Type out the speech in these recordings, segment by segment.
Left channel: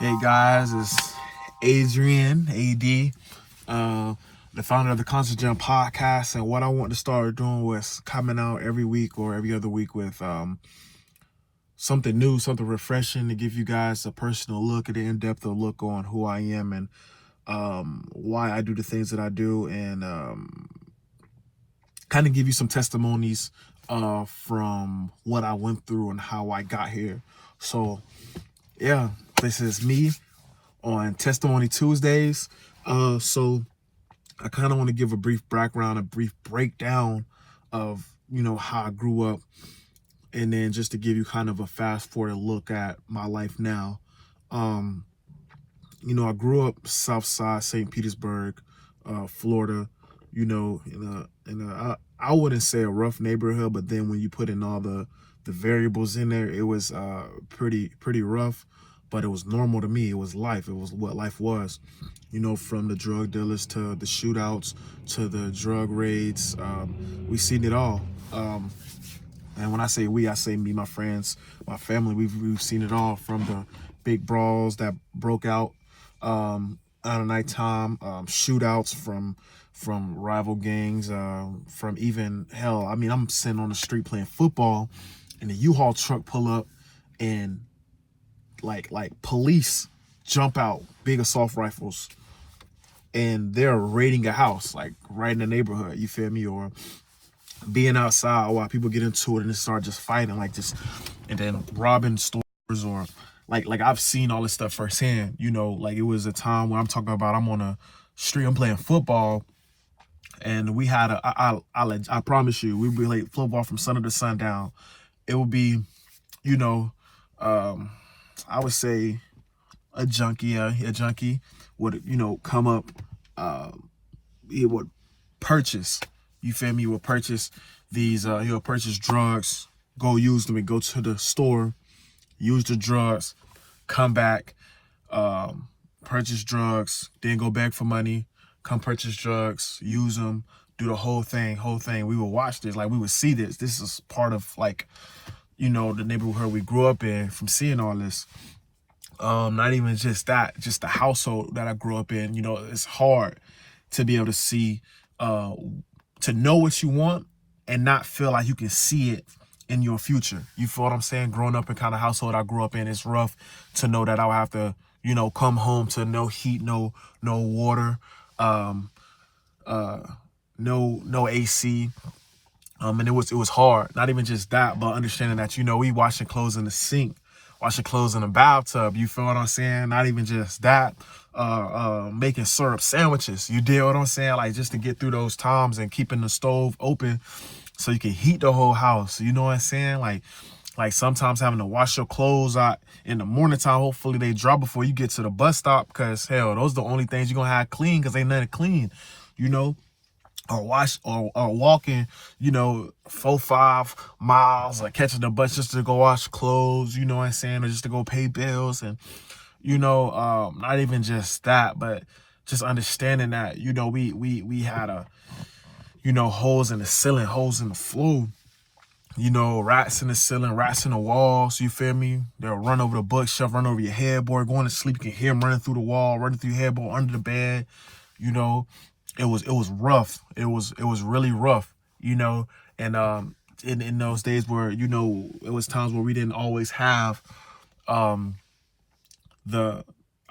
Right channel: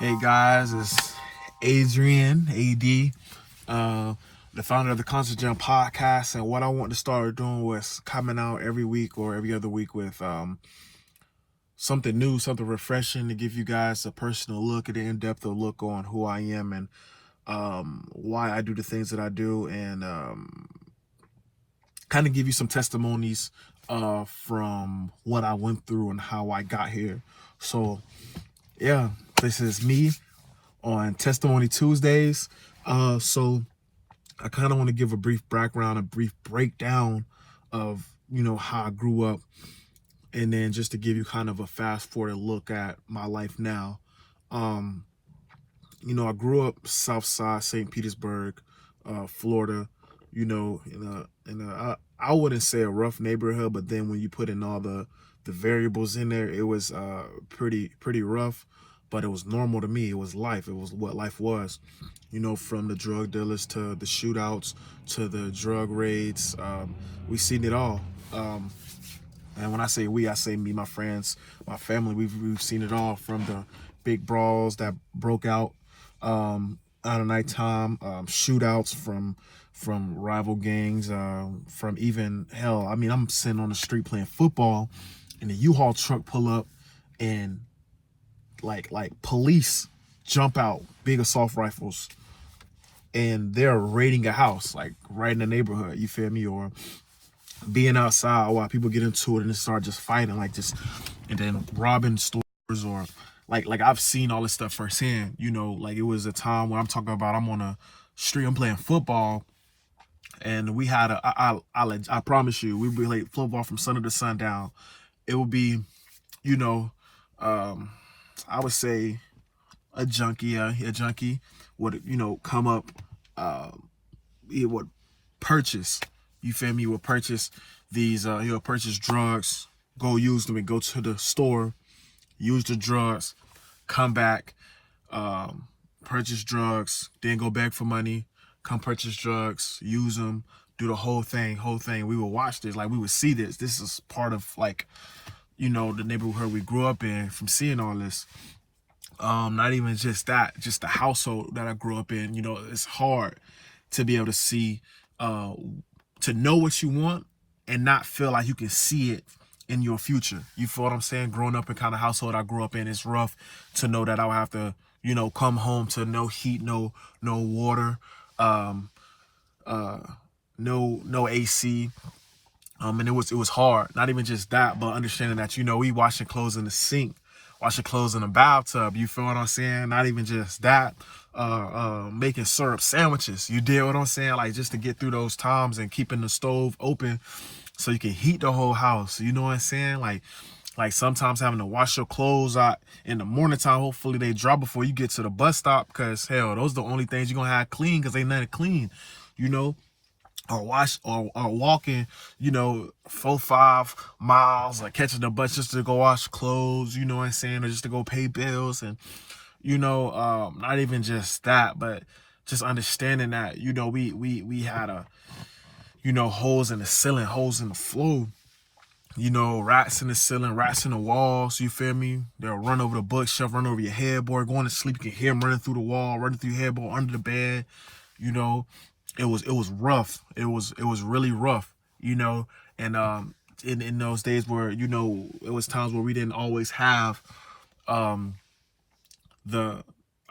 Hey guys, it's Adrian, AD, the founder of the Conscious Gym podcast. And what I want to start doing was coming out every week or every other week with something new, something refreshing to give you guys a personal look, an in-depth look on who I am and why I do the things that I do, and kind of give you some testimonies from what I went through and how I got here. So yeah, this is me on Testimony Tuesdays. So I kind of want to give a brief background, a brief breakdown of, how I grew up, and then just to give you kind of a fast forward look at my life now. I grew up South Side, St. Petersburg, Florida, I wouldn't say a rough neighborhood, but then when you put in all the variables in there, it was pretty rough, but it was normal to me. It was life. It was what life was, from the drug dealers to the shootouts to the drug raids. We seen it all. And when I say we, I say me, my friends, my family. We've seen it all, from the big brawls that broke out at nighttime, shootouts from rival gangs, from even hell. I mean, I'm sitting on the street playing football, and a U-Haul truck pull up, and like police jump out, big assault rifles, and they're raiding a house, like right in the neighborhood. You feel me? Or being outside while people get into it and they start just fighting, and then robbing stores, or like I've seen all this stuff firsthand. It was a time where I'm on a street, I'm playing football, and we had I promise you, we'd be like football from sun to sundown. It would be, I would say a junkie would, come up, he would purchase, you feel me, he would purchase these, he would purchase drugs, go use them, and go to the store, use the drugs, come back, purchase drugs, then go back for money, come purchase drugs, use them, do the whole thing. We would watch this, we would see this. This is part of, the neighborhood we grew up in, from seeing all this. Not even just that, just the household that I grew up in. It's hard to be able to see, to know what you want and not feel like you can see it in your future. You feel what I'm saying? Growing up in kind of household I grew up in, it's rough to know that I'll have to, come home to no heat, no water, no AC. And it was hard. Not even just that, but understanding that, we washing clothes in the sink, washing clothes in the bathtub. You feel what I'm saying? Not even just that, making syrup sandwiches. You deal what I'm saying? Just to get through those times, and keeping the stove open so you can heat the whole house. You know what I'm saying? Like sometimes having to wash your clothes out in the morning time. Hopefully they dry before you get to the bus stop, because hell, those are the only things you're gonna have clean, because ain't nothing clean, or walking, 4-5 miles, or catching the bus just to go wash clothes, you know what I'm saying, or just to go pay bills. And not even just that, but just understanding that, we had holes in the ceiling, holes in the floor, rats in the ceiling, rats in the walls. You feel me? They'll run over the bookshelf, run over your headboard. Going to sleep, you can hear them running through the wall, running through your headboard, under the bed. It was rough. It was really rough. And in those days where, it was times where we didn't always have I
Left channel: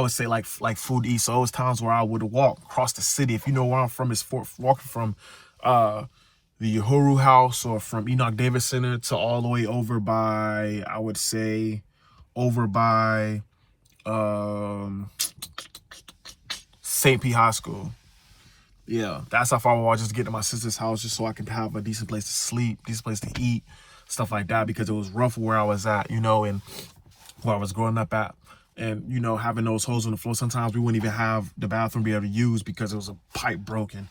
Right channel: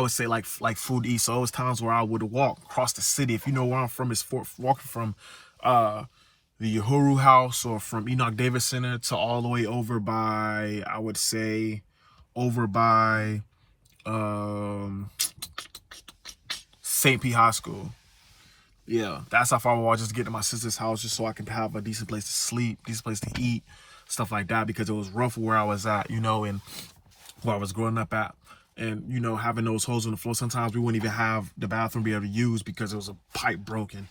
would say like food to eat. So it was times where I would walk across the city. If you know where I'm from, it's walking from the Uhuru House, or from Enoch Davis Center, to all the way over by, I would say, over by St. P High School. Yeah, that's how far I was, just to get to my sister's house, just so I could have a decent place to sleep, decent place to eat, stuff like that, because it was rough where I was at, and where I was growing up at. And, having those holes in the floor, sometimes we wouldn't even have the bathroom be able to use, because there was a pipe broken,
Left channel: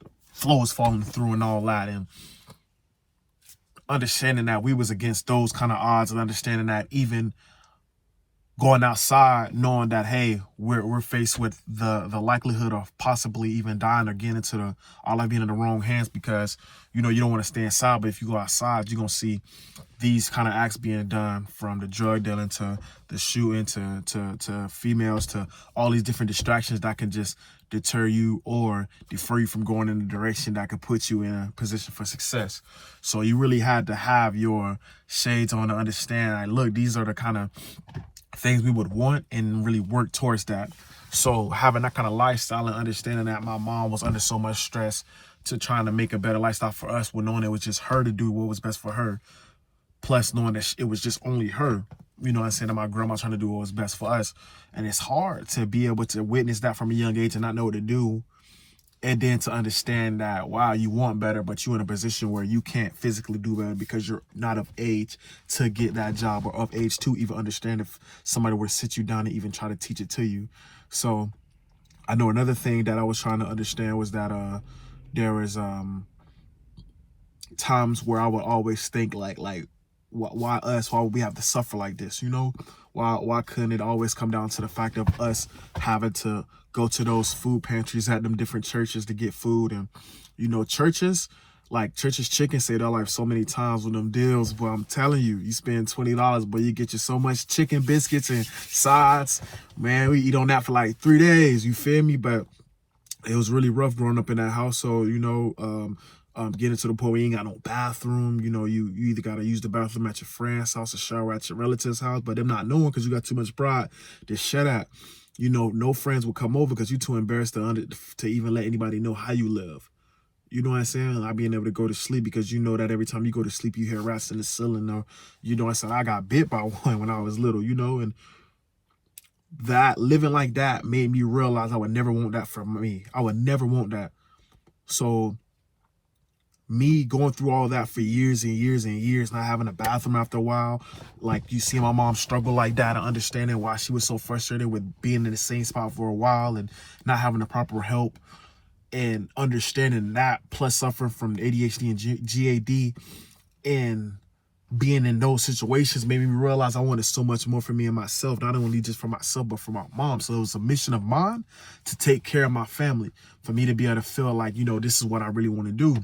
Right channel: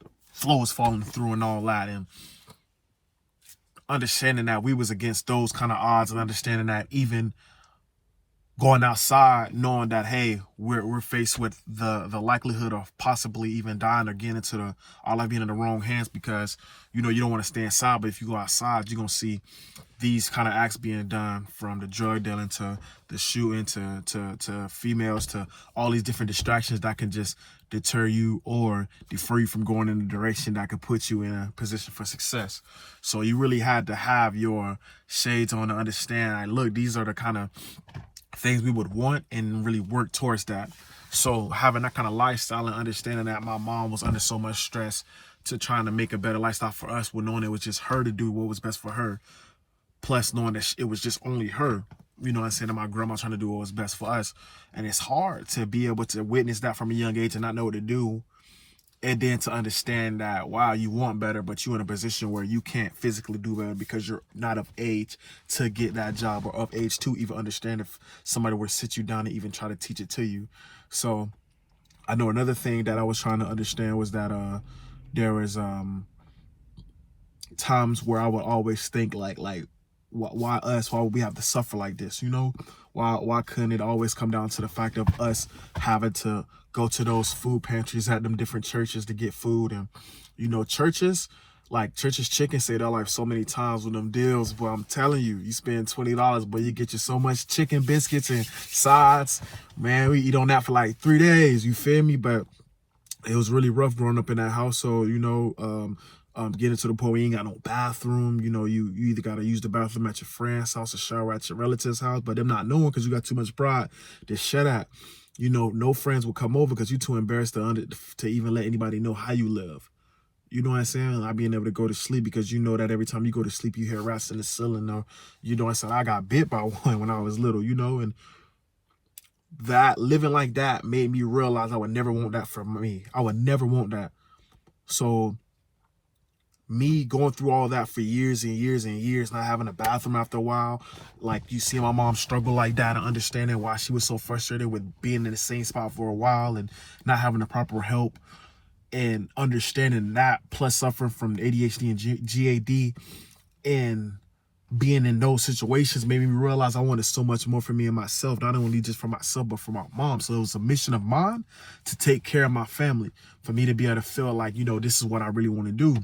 the floor was falling through and all that. And understanding that we was against those kind of odds, and understanding that even going outside knowing that, hey, we're faced with the likelihood of possibly even dying or getting into our life being in the wrong hands, because you don't want to stay inside. But if you go outside, you're gonna see these kind of acts being done, from the drug dealing to the shooting to females, to all these different distractions that can just deter you or defer you from going in the direction that could put you in a position for success. So you really had to have your shades on to understand, like, look, these are the kind of things we would want, and really work towards that. So having that kind of lifestyle and understanding that my mom was under so much stress to trying to make a better lifestyle for us, with knowing it was just her to do what was best for her, plus knowing that it was just only her, you know what I'm saying, that my grandma trying to do what was best for us. And it's hard to be able to witness that from a young age and not know what to do, and then to understand that, wow, you want better, but you're in a position where you can't physically do better because you're not of age to get that job, or of age to even understand if somebody were to sit you down and even try to teach it to you. So I know another thing that I was trying to understand was that there was times where I would always think like why us? Why would we have to suffer like this? Why couldn't it always come down to the fact of us having to go to those food pantries at them different churches to get food? And churches, like Church's Chicken, say that like so many times with them deals. But I'm telling you, you spend $20, but you get you so much chicken biscuits and sides. Man, we eat on that for like 3 days. You feel me? But it was really rough growing up in that household. Getting to the point where you ain't got no bathroom. You either got to use the bathroom at your friend's house or shower at your relative's house, but them not knowing because you got too much pride to shut up. No friends will come over because you're too embarrassed to even let anybody know how you live. You know what I'm saying? Not being able to go to sleep because you know that every time you go to sleep, you hear rats in the ceiling, or, you know what I'm saying? I got bit by one when I was little, and that living like that made me realize I would never want that for me. I would never want that. So me going through all that for years and years and years, not having a bathroom after a while, like you see my mom struggle like that, and understanding why she was so frustrated with being in the same spot for a while and not having the proper help, and understanding that, plus suffering from ADHD and GAD, and being in those situations made me realize I wanted so much more for me and myself, not only just for myself, but for my mom. So it was a mission of mine to take care of my family, for me to be able to feel like, this is what I really want to do,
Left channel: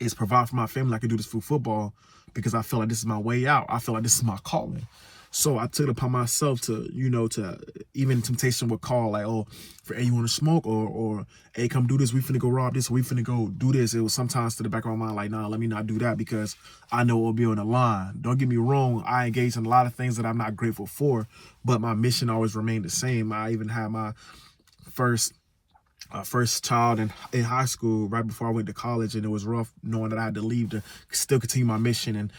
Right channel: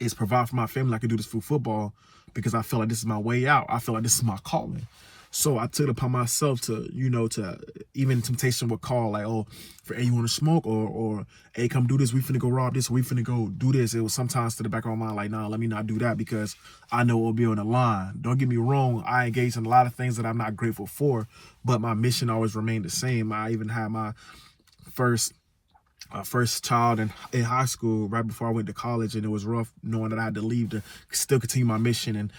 is provide for my family. I could do this through football because I feel like this is my way out. I feel like this is my calling. So I took it upon myself to, to even temptation would call like, oh, hey, you want to smoke? Or hey, come do this. We finna go rob this. Or we finna go do this. It was sometimes to the back of my mind like, nah, let me not do that because I know it will be on the line. Don't get me wrong. I engaged in a lot of things that I'm not grateful for, but my mission always remained the same. I even had my first child in high school right before I went to college, and it was rough knowing that I had to leave to still continue my mission and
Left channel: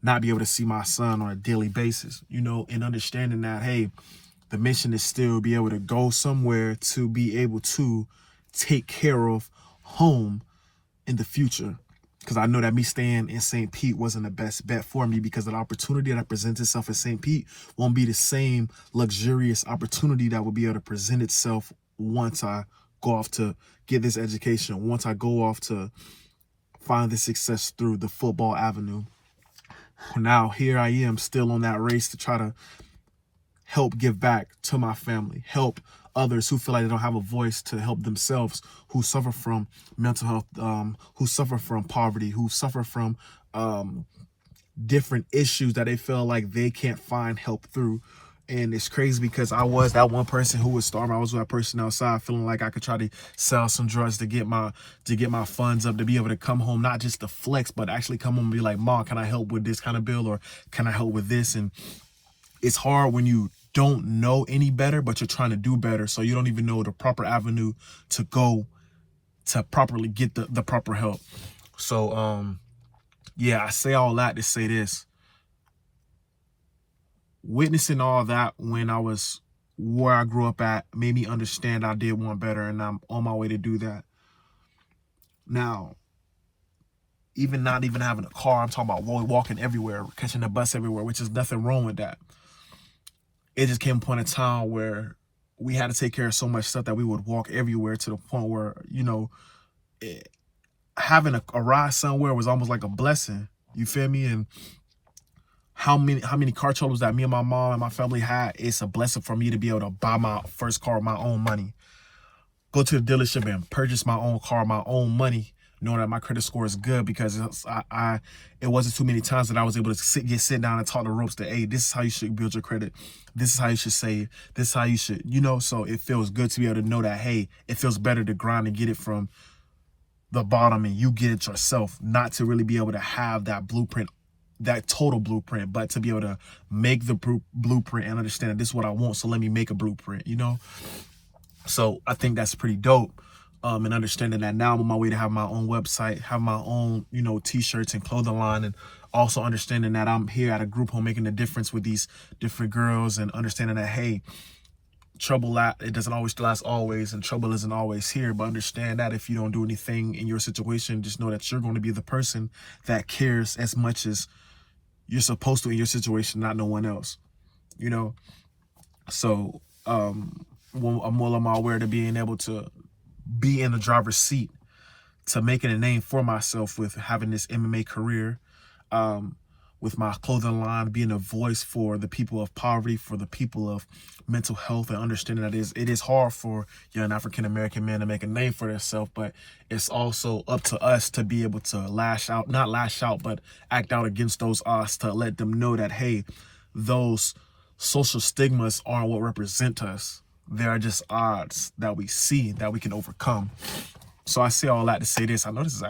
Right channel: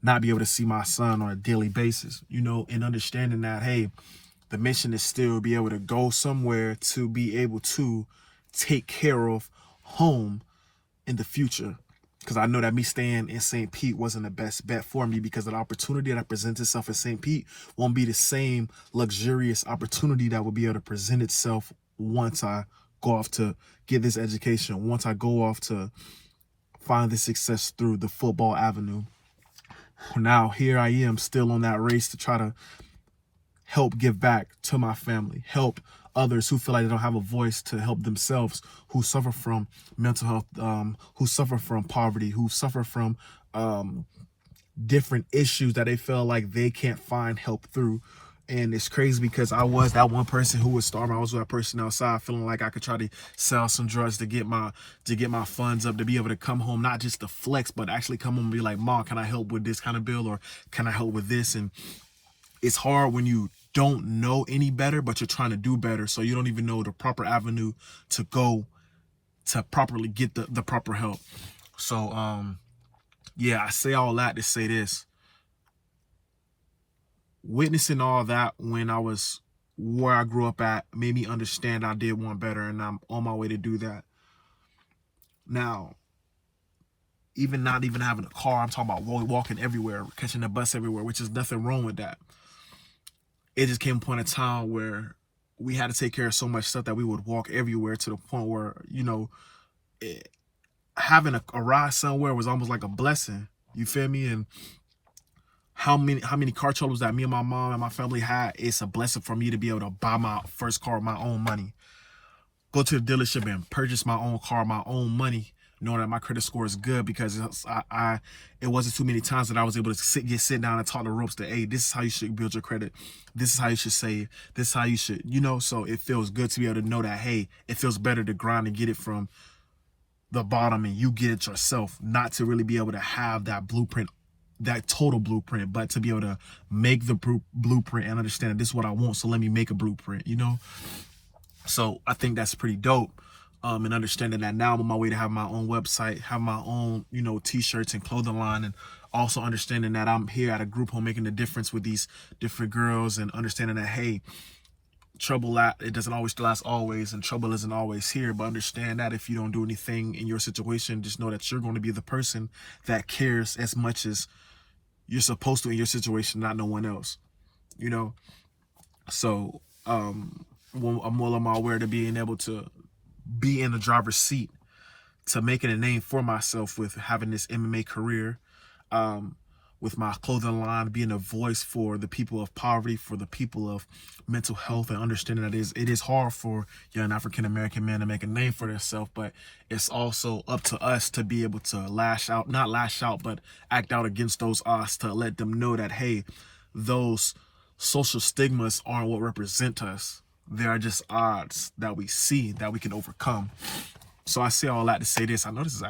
not be able to see my son on a daily basis, and understanding that, hey, the mission is still be able to go somewhere to be able to take care of home in the future. Because I know that me staying in St. Pete wasn't the best bet for me, because the opportunity that presents itself in St. Pete won't be the same luxurious opportunity that will be able to present itself once I go off to get this education, once I go off to find this success through the football avenue. Now here I am still on that race to try to help give back to my family, help others who feel like they don't have a voice to help themselves, who suffer from mental health, who suffer from poverty, who suffer from different issues that they feel like they can't find help through. And it's crazy because I was that one person who was starving. I was that person outside feeling like I could try to sell some drugs to get my funds up, to be able to come home, not just to flex, but actually come home and be like, Mom, can I help with this kind of bill, or can I help with this? And it's hard when you don't know any better, but you're trying to do better. So you don't even know the proper avenue to go to properly get the proper help. So, yeah, I say all that to say this. Witnessing all that when I was where I grew up at made me understand I did want better, and I'm on my way to do that. Now, even not even having a car, I'm talking about walking everywhere, catching the bus everywhere, which is nothing wrong with that. It just came a point in time where we had to take care of so much stuff that we would walk everywhere, to the point where, having a ride somewhere was almost like a blessing. You feel me? And how many car troubles that me and my mom and my family had. It's a blessing for me to be able to buy my first car with my own money, go to the dealership and purchase my own car, my own money, knowing that my credit score is good, because it wasn't too many times that I was able to sit down and talk the ropes that, hey, this is how you should build your credit. This is how you should save. This is how you should, so it feels good to be able to know that, hey, it feels better to grind and get it from the bottom and you get it yourself, not to really be able to have that blueprint, that total blueprint, but to be able to make the blueprint and understand that this is what I want, so let me make a blueprint, So I think that's pretty dope. And understanding that now I'm on my way to have my own website, have my own, t-shirts and clothing line, and also understanding that I'm here at a group home making a difference with these different girls, and understanding that, hey, trouble, it doesn't always last always, and trouble isn't always here. But understand that if you don't do anything in your situation, just know that you're going to be the person that cares as much as you're supposed to in your situation, not no one else, So I'm well on my way to being able to be in the driver's seat, to making a name for myself with having this MMA career, with my clothing line, being a voice for the people of poverty, for the people of mental health, and understanding that it is hard for young African-American men to make a name for themselves, but it's also up to us to be able to not lash out, but act out against those odds, to let them know that, hey, those social stigmas aren't what represent us. They are just odds that we see that we can overcome. So I say all that to say this. I know this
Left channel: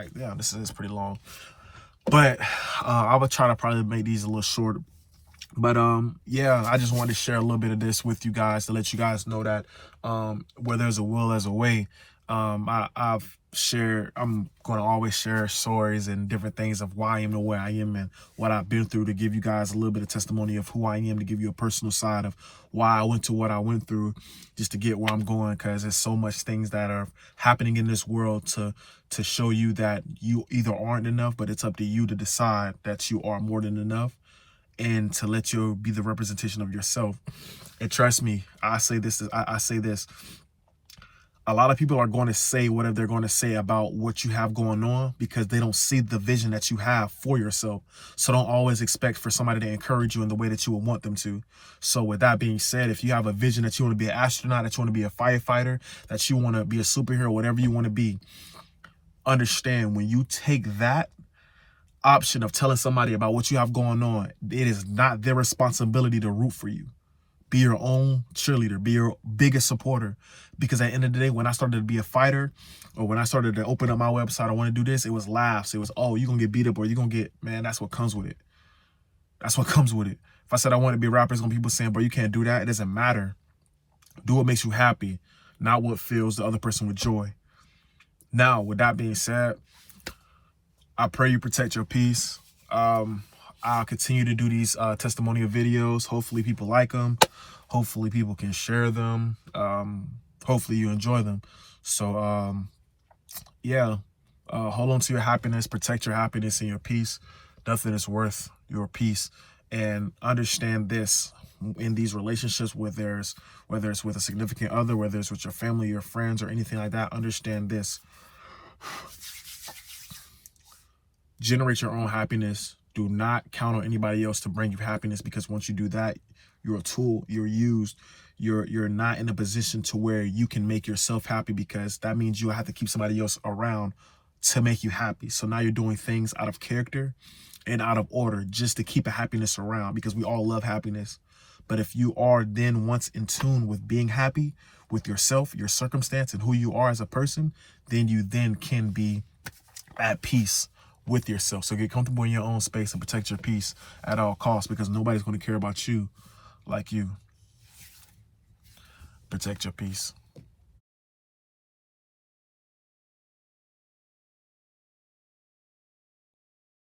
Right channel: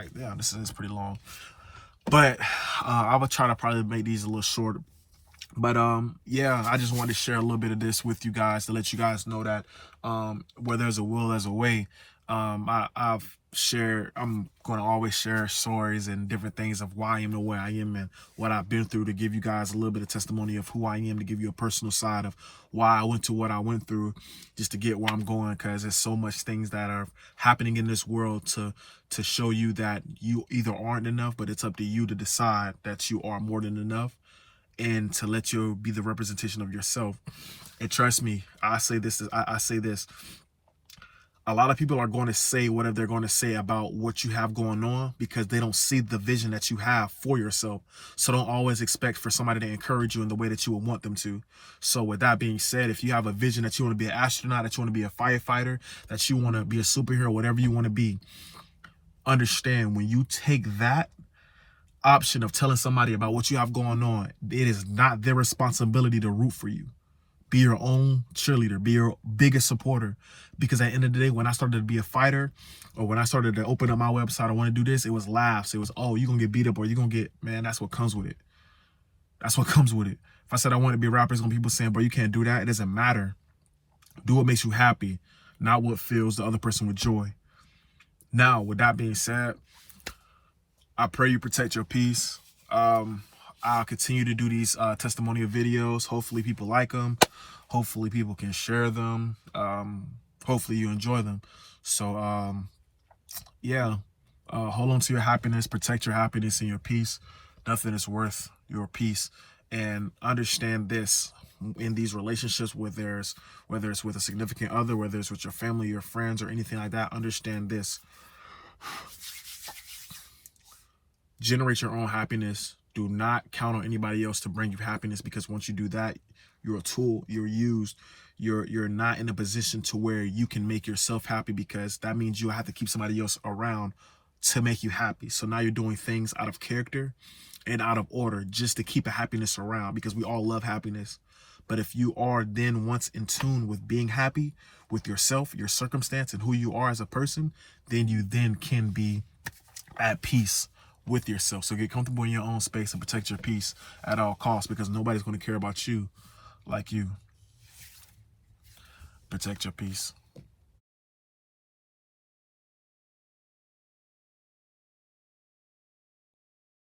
is pretty long, but I would try to probably make these a little shorter. But yeah, I just wanted to share a little bit of this with you guys, to let you guys know that where there's a will, there's a way. I'm going to always share stories and different things of why I am the way I am and what I've been through, to give you guys a little bit of testimony of who I am, to give you a personal side of why I went to what I went through, just to get where I'm going, because there's so much things that are happening in this world to show you that you either aren't enough, but it's up to you to decide that you are more than enough, and to let you be the representation of yourself. And trust me, I say this, a lot of people are going to say whatever they're going to say about what you have going on, because they don't see the vision that you have for yourself. So don't always expect for somebody to encourage you in the way that you would want them to. So with that being said, if you have a vision that you want to be an astronaut, that you want to be a firefighter, that you want to be a superhero, whatever you want to be, understand, when you take that option of telling somebody about what you have going on, it is not their responsibility to root for you. Be your own cheerleader, be your biggest supporter. Because at the end of the day, when I started to be a fighter, or when I started to open up my website, I want to do this, it was laughs. It was, oh, you're going to get beat up, or you're going to get, man, that's what comes with it. That's what comes with it. If I said I want to be a rapper, it's going to be people saying, bro, you can't do that. It doesn't matter. Do what makes you happy, not what fills the other person with joy. Now, with that being said, I pray you protect your peace. I'll continue to do these testimonial videos. Hopefully people like them. Hopefully people can share them. Hopefully you enjoy them. So, yeah, hold on to your happiness, protect your happiness and your peace. Nothing is worth your peace. And understand this, in these relationships, whether it's with a significant other, whether it's with your family, your friends, or anything like that, understand this. Generate your own happiness. Do not count on anybody else to bring you happiness, because once you do that, you're a tool, you're used. You're not in a position to where you can make yourself happy, because that means you have to keep somebody else around to make you happy. So now you're doing things out of character and out of order just to keep a happiness around, because we all love happiness. But if you are then once in tune with being happy with yourself, your circumstance, and who you are as a person, then you then can be at peace with yourself. So get comfortable in your own space and protect your peace at all costs, because nobody's going to care about you like you. Protect your peace.